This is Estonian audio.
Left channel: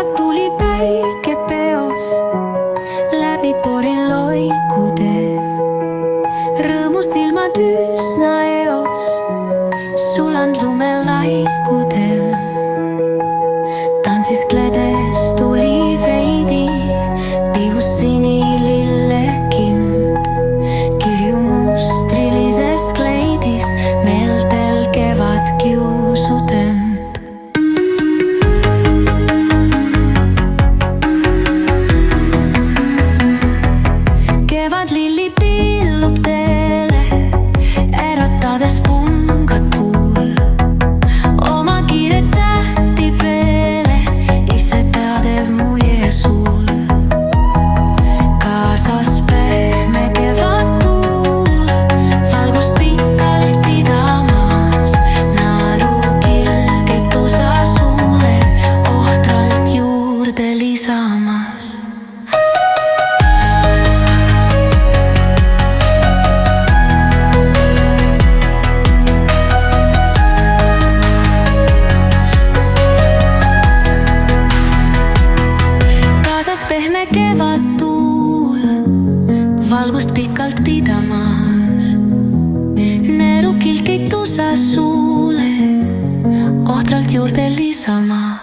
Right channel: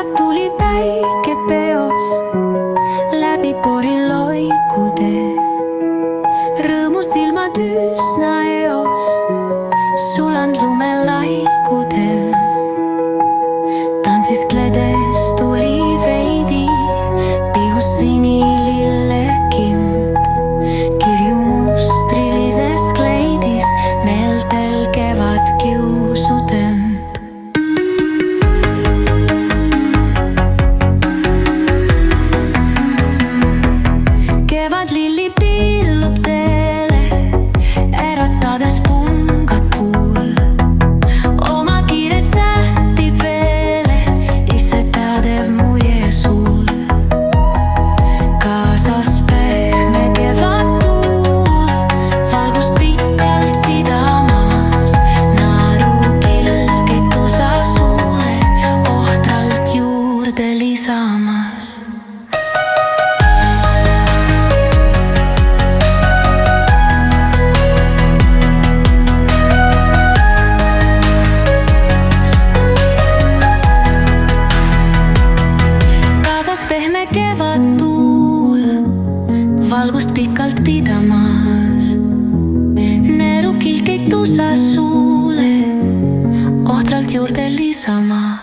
kevad tuli päike peos, läbi pori loikude. Rõõmus silmad üsna eos, sulanud lumelaikudel. Tantsis kledes tuli veidi, pihus sinilillekimp. Kirju mustrilises kleidis, meeltel kevad kiusutemp. Kevad lilli pillub teele, äratades pungad puul. Oma kiiret sähtib veele, ise teadev muie suul. Kaasas pehme kevadtuul, valgust pikalt pidamas. Naarukilgeid tusa suule, ohtralt juurde lisamas. Kaasas pehme kevadtuul, valgust pikalt pidamas. Neerukilgeid tusa suule, ohtralt juurde lisamas.